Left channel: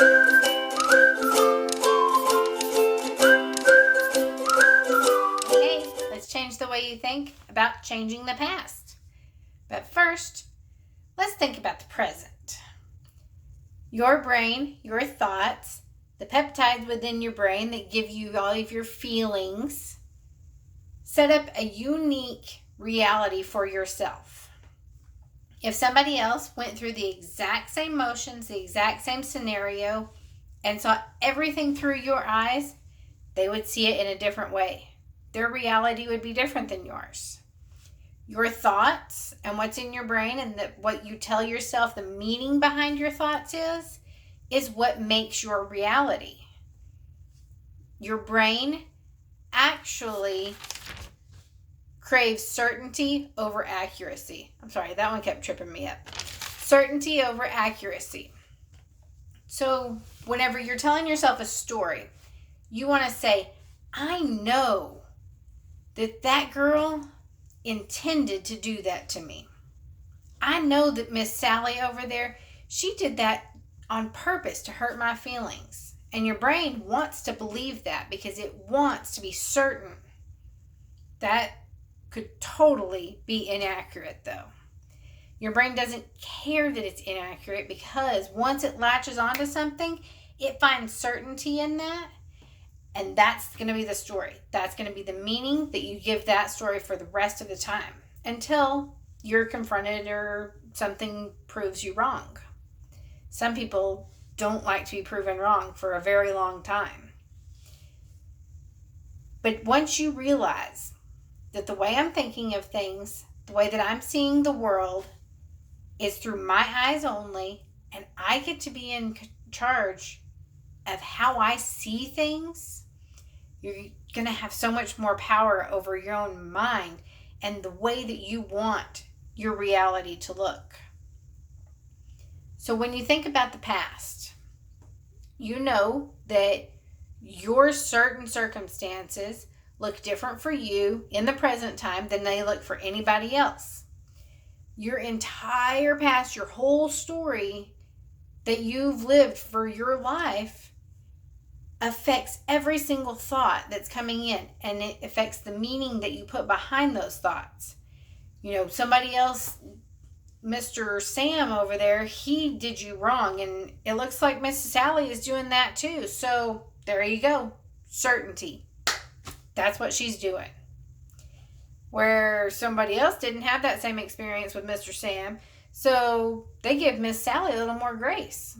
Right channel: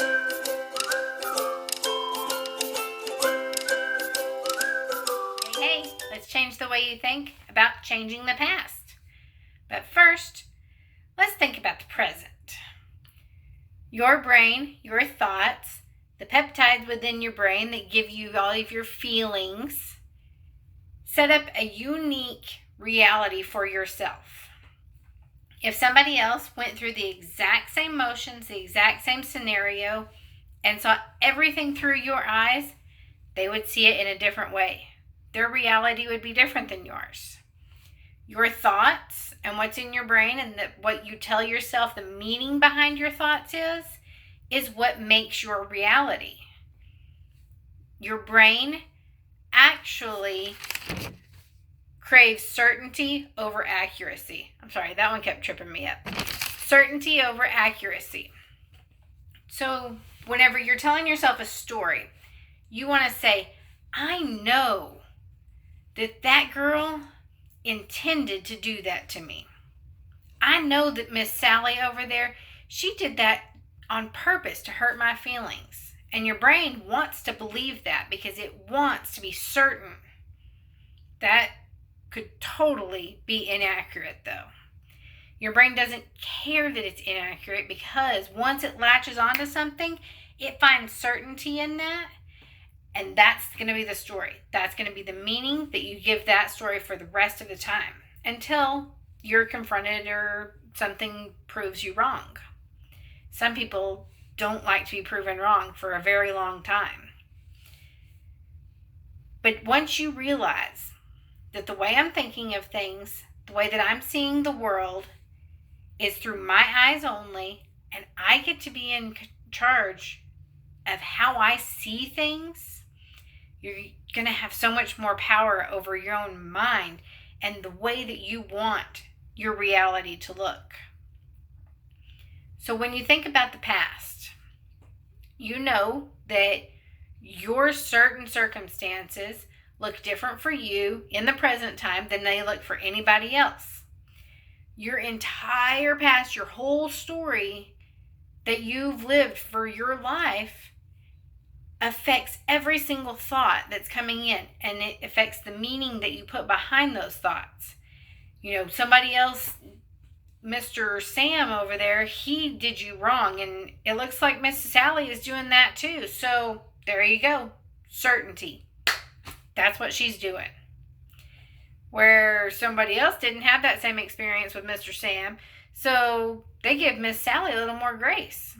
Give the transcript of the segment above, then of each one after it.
Hey, let's change the way you think about changing the past. But first, let's think about the present. Your brain, your thoughts, the peptides within your brain that give you all of your feelings, set up a unique reality for yourself. If somebody else went through the exact same motions, the exact same scenario, and saw everything through your eyes, they would see it in a different way. Their reality would be different than yours. Your thoughts and what's in your brain and what you tell yourself, the meaning behind your thoughts is what makes your reality. Your brain actually craves certainty over accuracy. I'm sorry, that one kept tripping me up. Certainty over accuracy. So whenever you're telling yourself a story, you want to say, I know that girl intended to do that to me. I know that Miss Sally over there, she did that on purpose to hurt my feelings. And your brain wants to believe that because it wants to be certain. That could totally be inaccurate though. Your brain doesn't care that it's inaccurate because once it latches onto something, it finds certainty in that. And that's going to be the story. That's going to be the meaning that you give that story for the rest of the time until you're confronted or something proves you wrong. Some people don't like to be proven wrong for a very long time. But once you realize that the way I'm thinking of things, the way that I'm seeing the world is through my eyes only, and I get to be in charge of how I see things, you're going to have so much more power over your own mind and the way that you want your reality to look. So when you think about the past, you know that your certain circumstances look different for you in the present time than they look for anybody else. Your entire past, your whole story that you've lived for your life affects every single thought that's coming in, and it affects the meaning that you put behind those thoughts. You know, somebody else, Mr. Sam over there, he did you wrong, and it looks like Miss Sally is doing that too. So there you go. Certainty. That's what she's doing. Where somebody else didn't have that same experience with Mr. Sam, so they give Miss Sally a little more grace.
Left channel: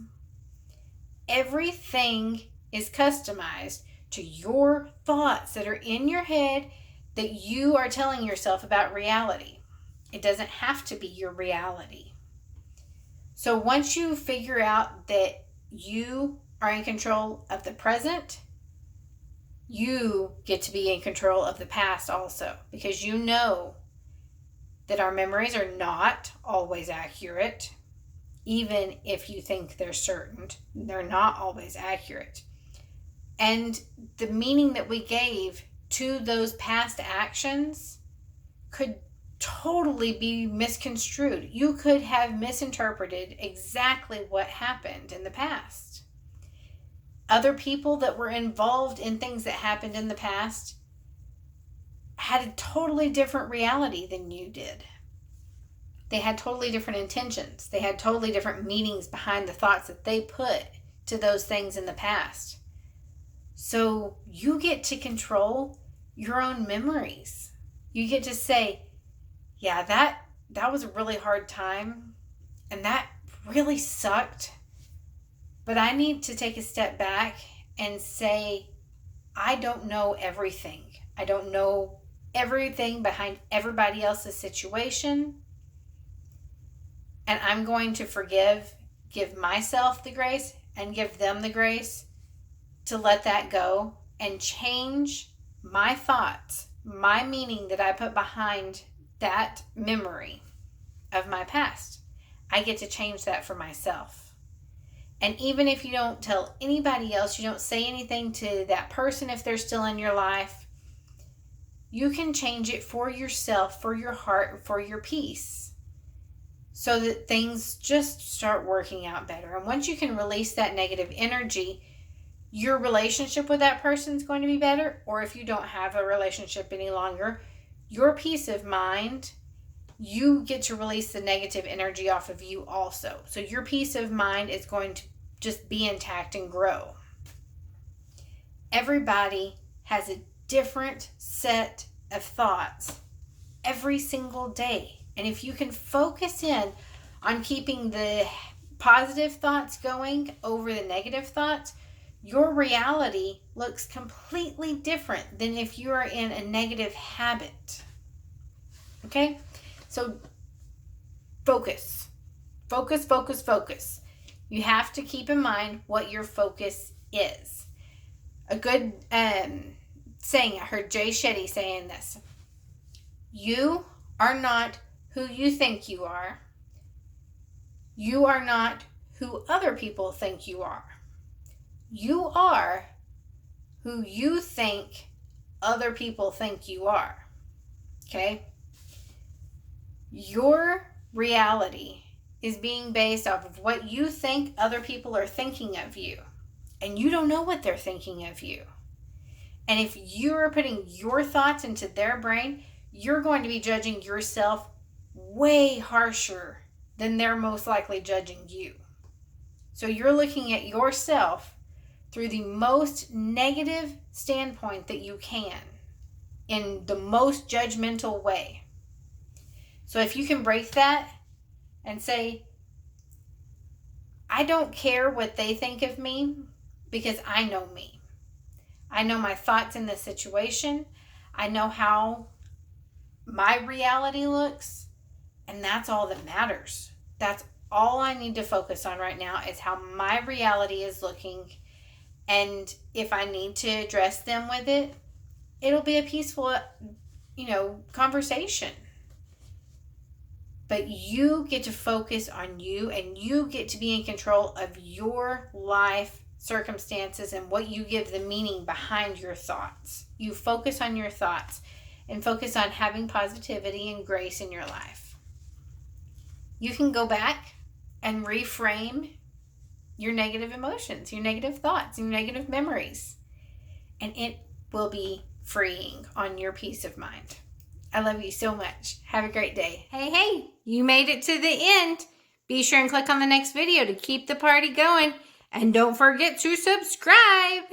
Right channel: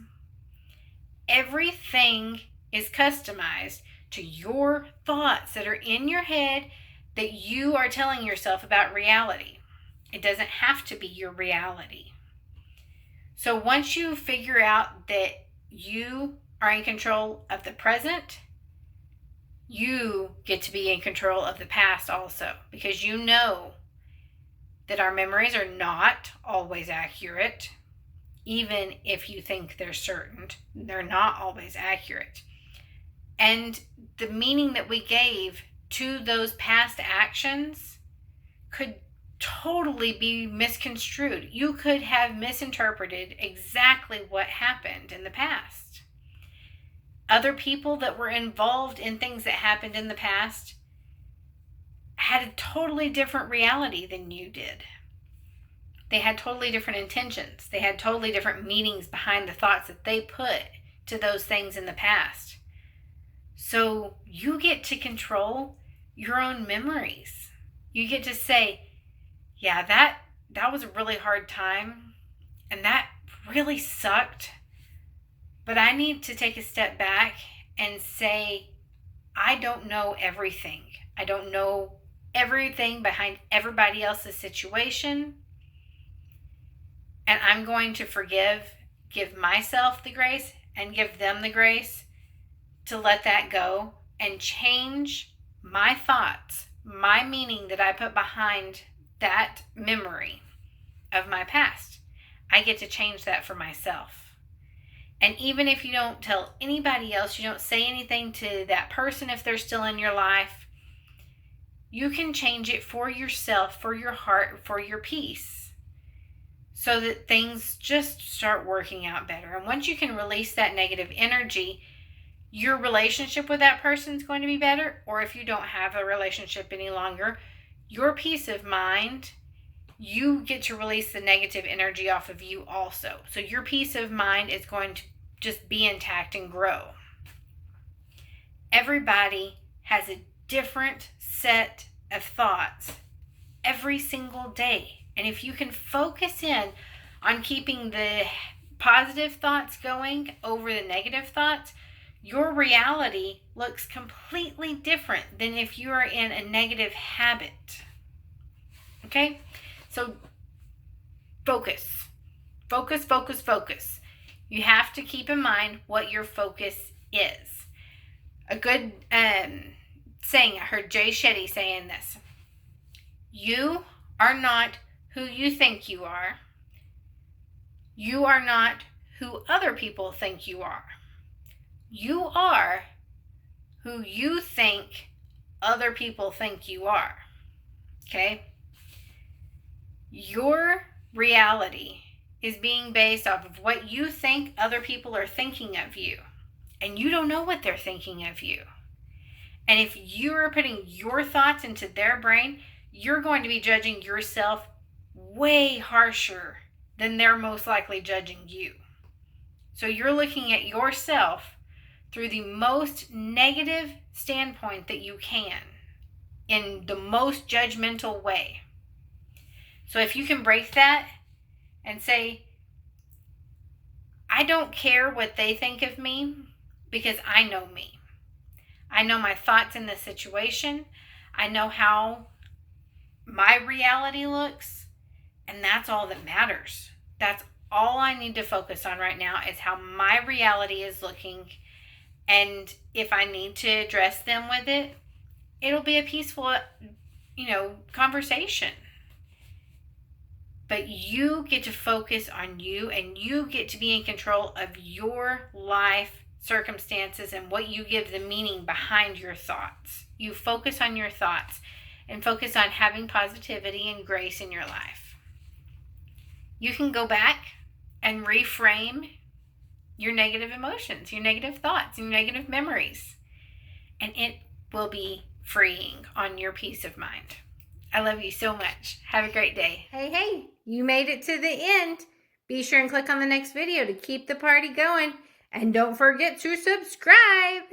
Everything is customized to your thoughts that are in your head that you are telling yourself about reality. It doesn't have to be your reality. So once you figure out that you are in control of the present, you get to be in control of the past also, because you know that our memories are not always accurate. Even if you think they're certain, they're not always accurate. And the meaning that we gave to those past actions could totally be misconstrued. You could have misinterpreted exactly what happened in the past. Other people that were involved in things that happened in the past had a totally different reality than you did. They had totally different intentions. They had totally different meanings behind the thoughts that they put to those things in the past. So you get to control your own memories. You get to say, yeah, that was a really hard time and that really sucked. But I need to take a step back and say, I don't know everything. I don't know everything behind everybody else's situation. And I'm going to give myself the grace and give them the grace to let that go and change my thoughts, my meaning that I put behind that memory of my past. I get to change that for myself. And even if you don't tell anybody else, you don't say anything to that person if they're still in your life, you can change it for yourself, for your heart, for your peace. so that things just start working out better. And once you can release that negative energy, your relationship with that person is going to be better. Or if you don't have a relationship any longer, your peace of mind, you get to release the negative energy off of you also. So your peace of mind is going to just be intact and grow. Everybody has a different set of thoughts every single day. And if you can focus in on keeping the positive thoughts going over the negative thoughts, your reality looks completely different than if you are in a negative habit. Okay? So focus. Focus, focus, focus. You have to keep in mind what your focus is. A good saying, I heard Jay Shetty saying this. You are not who you think you are. You are not who other people think you are. You are who you think other people think you are. Okay? Your reality is being based off of what you think other people are thinking of you. And you don't know what they're thinking of you. And if you are putting your thoughts into their brain, you're going to be judging yourself way harsher than they're most likely judging you. So you're looking at yourself through the most negative standpoint that you can, in the most judgmental way. So if you can break that and say, I don't care what they think of me because I know me. I know my thoughts in this situation. I know how my reality looks, and that's all that matters. That's all I need to focus on right now, is how my reality is looking. And if I need to address them with it, it'll be a peaceful, conversation. But you get to focus on you, and you get to be in control of your life circumstances and what you give the meaning behind your thoughts. You focus on your thoughts and focus on having positivity and grace in your life. You can go back and reframe your negative emotions, your negative thoughts, your negative memories, and it will be freeing on your peace of mind. I love you so much. Have a great day. Hey, you made it to the end. Be sure and click on the next video to keep the party going. And don't forget to subscribe.